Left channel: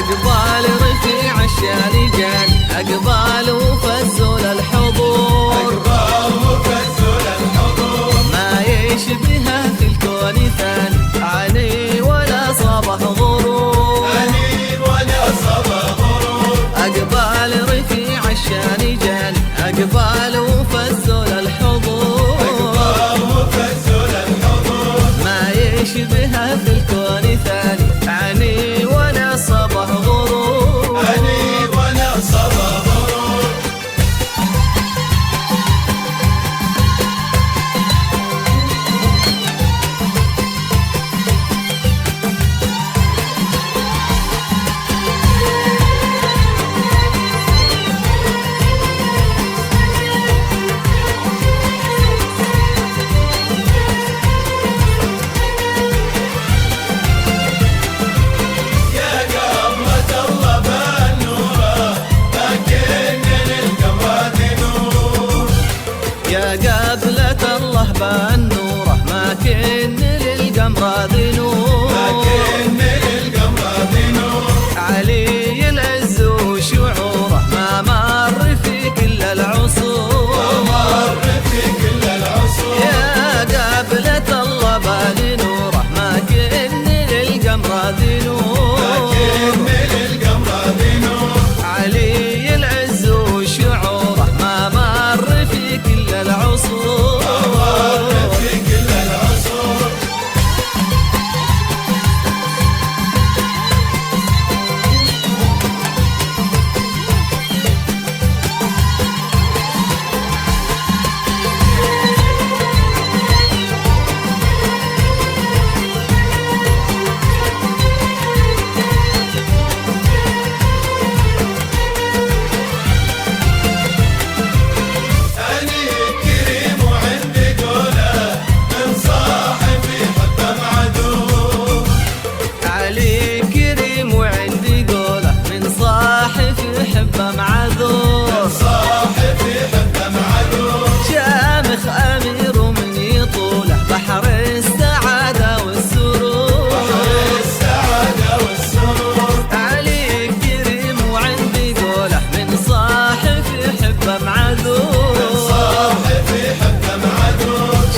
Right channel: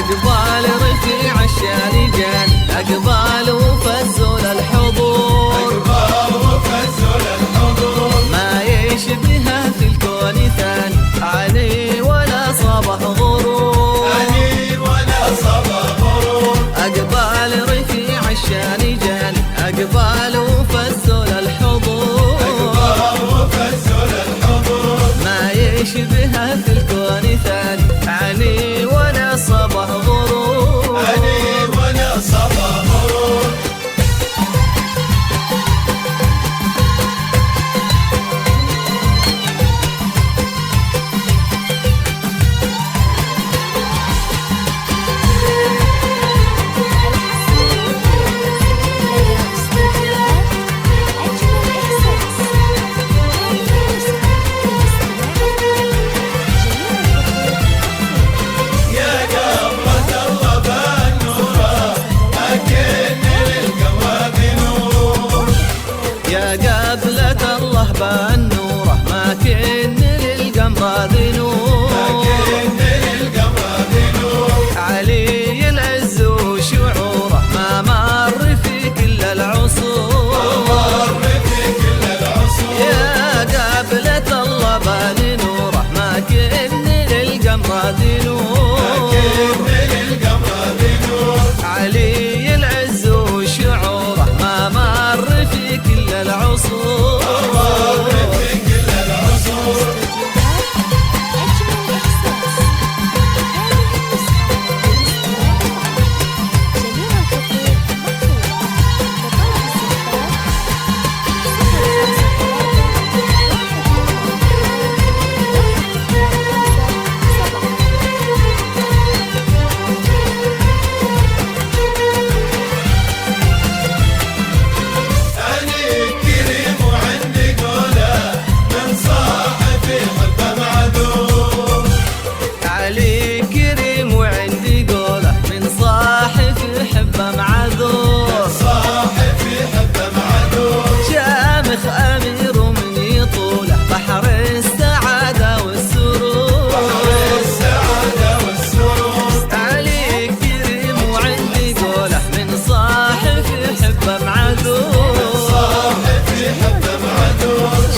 أقبال رفيع الشان جاني، أقبال وفزول الحضور، ما يشبهه في الكون ثاني، علي ولا صبه غرور، أقبال رفيع الشان جاني، أقبال وفزول الحضور، ما يشبهه في الكون ثاني، علي ولا صبه غرور، علي ولا صبه غرور. يا قبلة الله بالنوره، ما كن للقمر ذي نور، علي العز وشعوره، ما مر في كل العصور، يا قبلة الله بالنوره، ما كن للقمر ذي نور، علي العز وشعوره، ما مر في كل العصور. علي كريم وعندي قوله، من صاحب يحبه معذور، شامخ أمير ومن يطوله، بحر السعادة والسرور، علي كريم وعندي قوله، من صاحب يحبه معذور،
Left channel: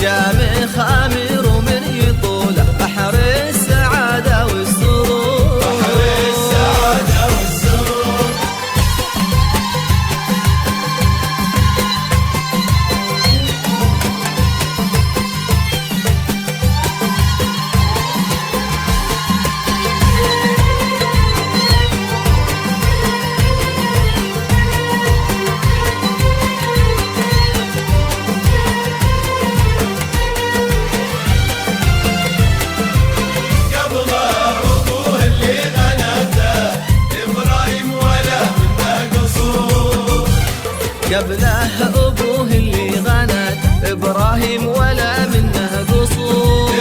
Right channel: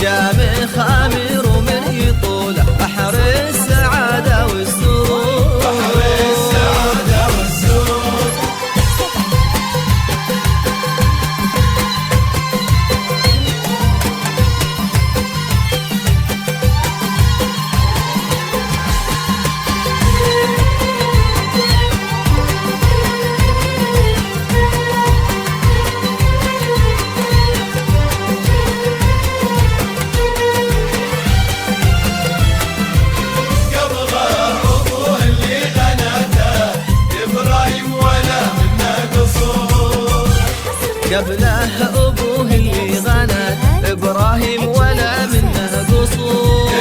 شامخ أمير ومن يطوله، بحر السعادة والسرور. قبله أبوه اللي غنت، إبراهيم ولا منه قصور،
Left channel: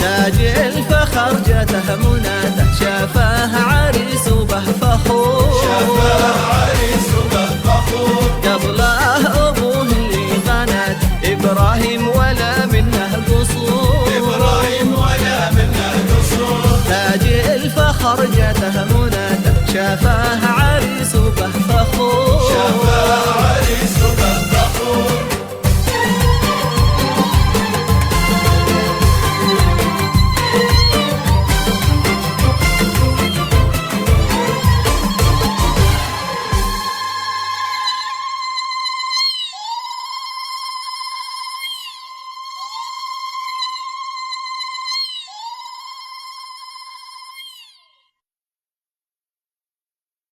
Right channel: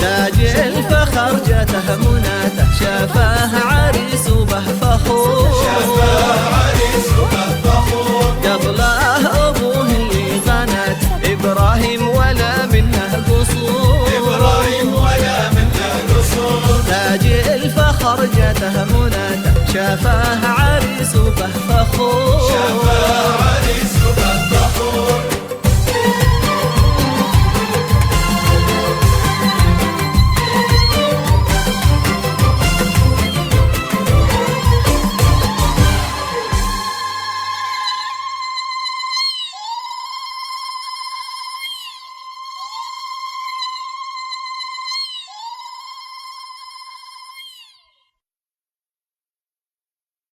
تاج الفخر جاته مناته، شافه عريس وبه فخور، قبله أبوه اللي غنت، إبراهيم ولا منه قصور، تاج الفخر جاته مناته، شافه عريس وبه فخور.